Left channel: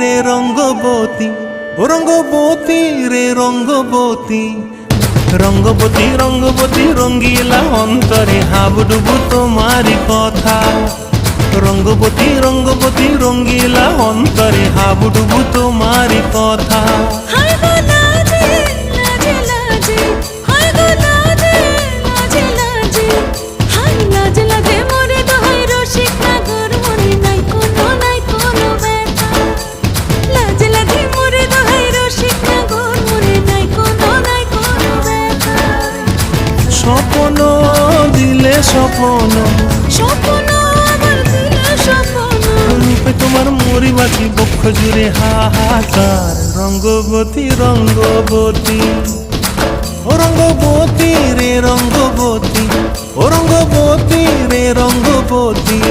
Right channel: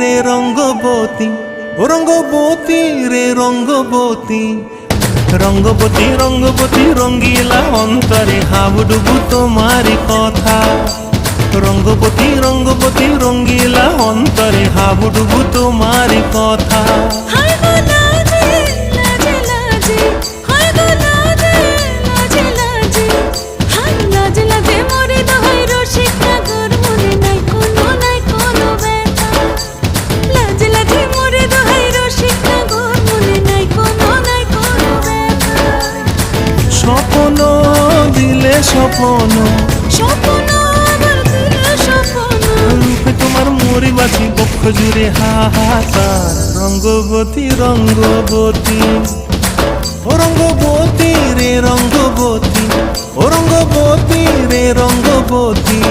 রে রঙ্গবতী, ও রঙ্গবতী রে রঙ্গবতী, রঙ্গবতী রঙ্গবতী রঙ্গিলা অন্তরে হাবুডুবু তোমারি কথা। রঙ্গবতী রঙ্গবতী রঙ্গিলা অন্তরে হাবুডুবু তোমারি কথা। হায় গো লাজে লাজে লাজে, হায় গো লাজে লাজে লাজে, হায় লাজে লাজে মোরে দোহাই রসিক নাগর মনে নাই কোনো ব্যথা। লাজে লাজে মোরে দোহাই রসিক নাগর মনে নাই কোনো ব্যথা। স্বপ্ন দিলে স্বপ্ন, স্বপ্ন আমার দিলে স্বপ্ন, রূপে তোমার মরি বাছি বক্ষ জুড়ে হাহাকার। রঙ্গবতী রঙ্গবতী, ও রঙ্গবতী রে রঙ্গবতী, ও রঙ্গবতী রে রঙ্গবতী।